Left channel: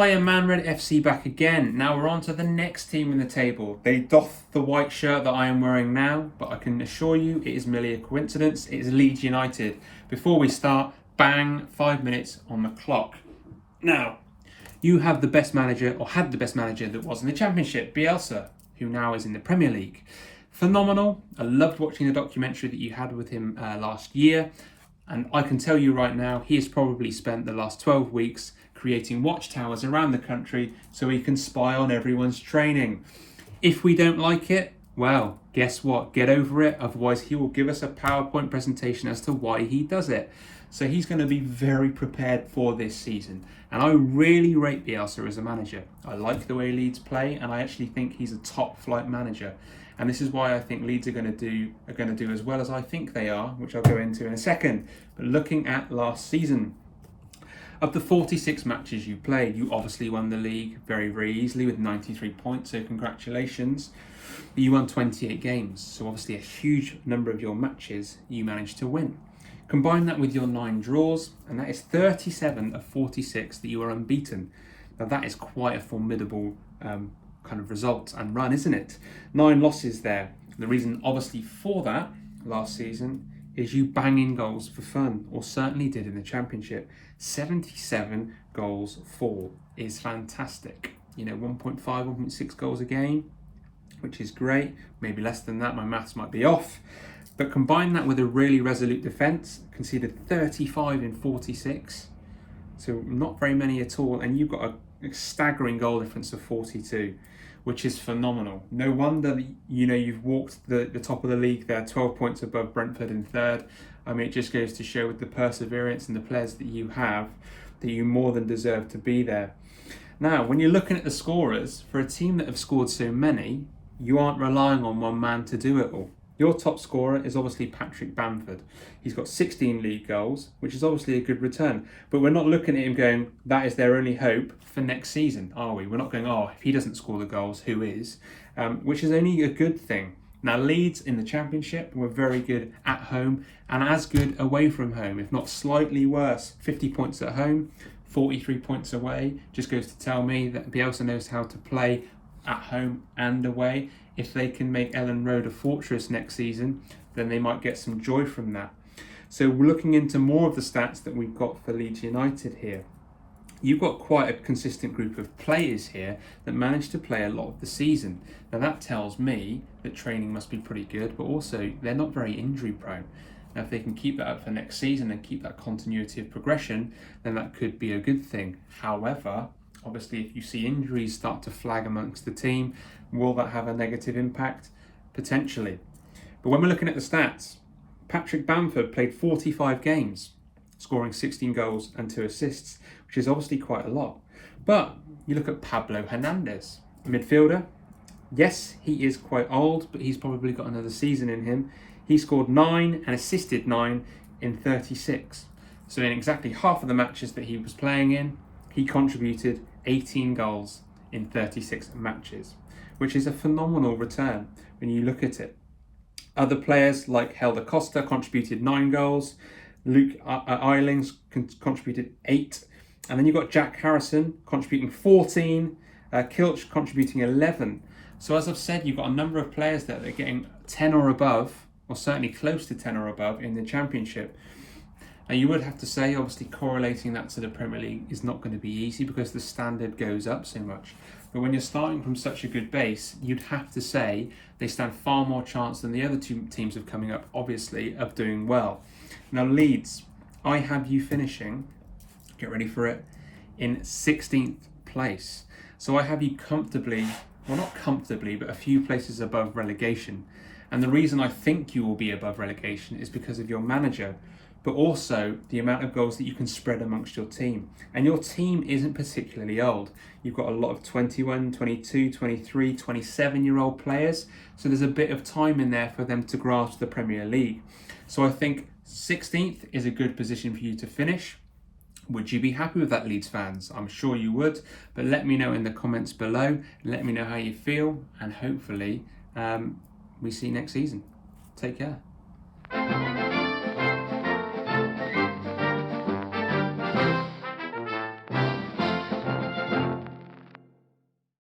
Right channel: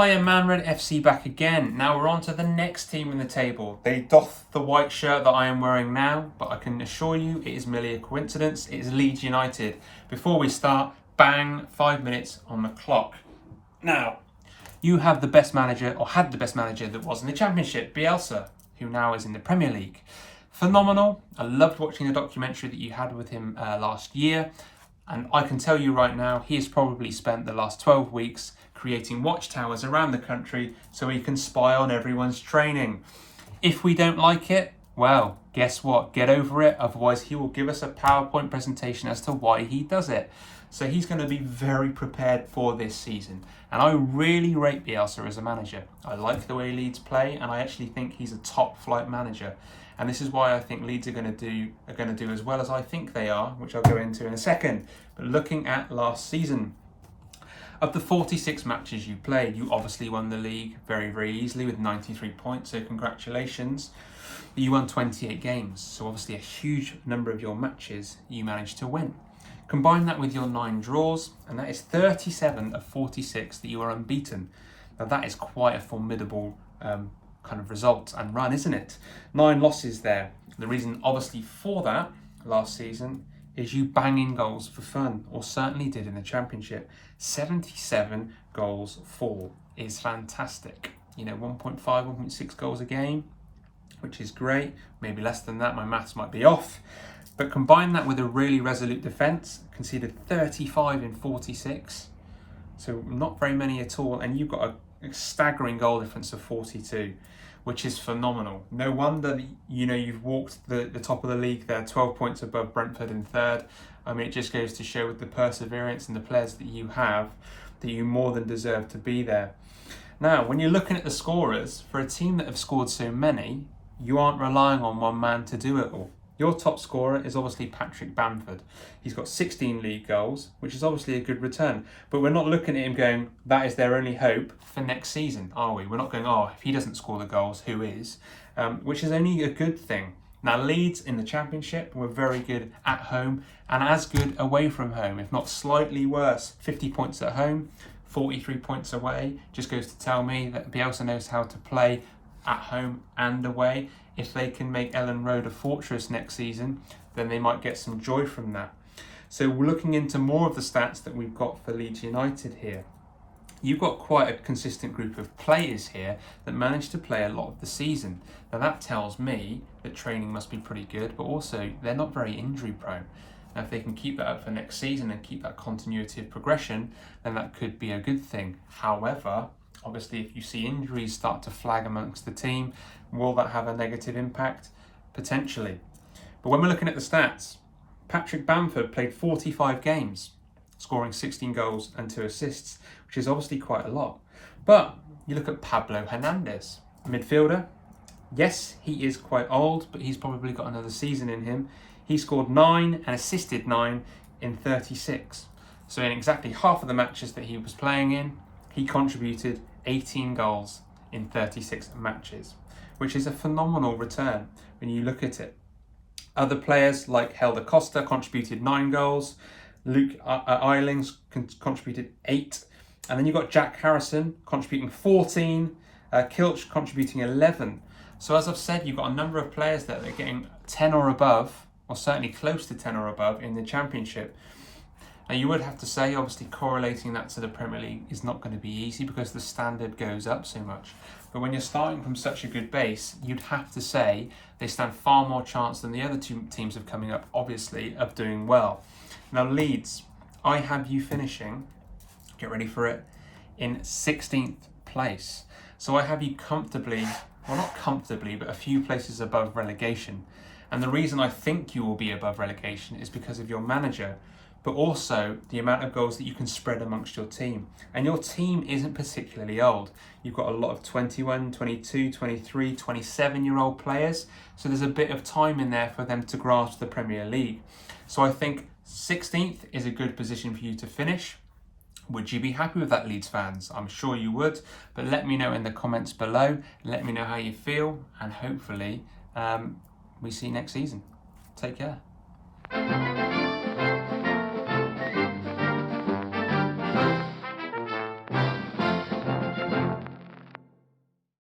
Hiya Manred FC back again. Now we're on to the next team in the table. They doff the white shirt that I am wearing now, but I can assure you it is merely a coincidence. It is Leeds United. Before we start, bang, 5 minutes on the clock. Now, you have the best manager, or had the best manager that was in the Championship, Bielsa, who now is in the Premier League. Phenomenal. I loved watching the documentary that you had with him last year. And I can tell you right now, he has probably spent the last 12 weeks creating watchtowers around the country so he can spy on everyone's training. If we don't like it, well, guess what? Get over it. Otherwise, he will give us a PowerPoint presentation as to why he does it. So he's going to be very prepared for this season. And I really rate Bielsa as a manager. I like the way Leeds play, and I actually think he's a top flight manager. And this is why I think Leeds are going to do as well as I think they are, which I'll go into in a second. But looking at last season, of the 46 matches you played, you obviously won the league very, very easily with 93 points, so congratulations. You won 28 games, so obviously a huge number of your matches you managed to win. Combine that with your 9 draws, and that is 37 of 46 that you are unbeaten. Now that is quite a formidable kind of result and run, isn't it? 9 losses there. The reason obviously for that last season is you banging goals for fun, or certainly did in the Championship. 77 goals for is fantastic. 1.5, 1.6 goals a game, which is great. Maybe less than that, my maths might be off. But combine that with a really resolute defence, conceded 35 in 46. So not very many at all. And you've got a staggering goal difference of 42, which is phenomenal. No wonder you've walked the top of the league there, 12 points above Brentford in third. I mean, it just goes to show with the perseverance and the players that you have, that you more than deserve to be there. Now, when you're looking at the scorers, for a team that have scored so many, you aren't relying on one man to do it all. Your top scorer is obviously Patrick Bamford. He's got 16 league goals, which is obviously a good return. But we're not looking at him going, that is their only hope for next season, are we? We're not going, if he doesn't score the goals, who is? Which is only a good thing. Now, Leeds in the Championship were very good at home and as good away from home, if not slightly worse. 50 points at home, 43 points away. Just goes to tell me that Bielsa knows how to play at home and away. If they can make Ellen Road a fortress next season, then they might get some joy from that. So we're looking into more of the stats that we've got for Leeds United here. You've got quite a consistent group of players here that managed to play a lot of the season. Now that tells me that training must be pretty good, but also they're not very injury prone. Now if they can keep that up for next season and keep that continuity of progression, then that could be a good thing. However, obviously if you see injuries start to flag amongst the team, will that have a negative impact? Potentially. But when we're looking at the stats, Patrick Bamford played 45 games, scoring 16 goals and 2 assists, which is obviously quite a lot. But you look at Pablo Hernandez, a midfielder. Yes, he is quite old, but he's probably got another season in him. He scored 9 and assisted 9 in 36. So in exactly half of the matches that he was playing in, he contributed 18 goals in 36 matches, which is a phenomenal return when you look at it. Other players like Helder Costa contributed 9 goals. Luke Eilings contributed 8. And then you've got Jack Harrison contributing 14. Kilch contributing 11. So as I've said, you've got a number of players that are getting 10 or above, or certainly close to 10 or above in the Championship. Now you would have to say, obviously correlating that to the Premier League is not going to be easy because the standard goes up so much. But when you're starting from such a good base, you'd have to say they stand far more chance than the other 2 teams of coming up, obviously, of doing well. Now Leeds, I have you finishing, get ready for it, in 16th place. So I have you comfortably, well not comfortably, but a few places above relegation. And the reason I think you will be above relegation is because of your manager, but also the amount of goals that you can spread amongst your team. And your team isn't particularly old. You've got a lot of 21, 22, 23, 27-year-old players. So there's a bit of time in there for them to grasp the Premier League. So I think 16th is a good position for you to finish. Would you be happy with that, Leeds fans? I'm sure you would, but let me know in the comments below. Let me know how you feel, and hopefully we see you next season. Take care.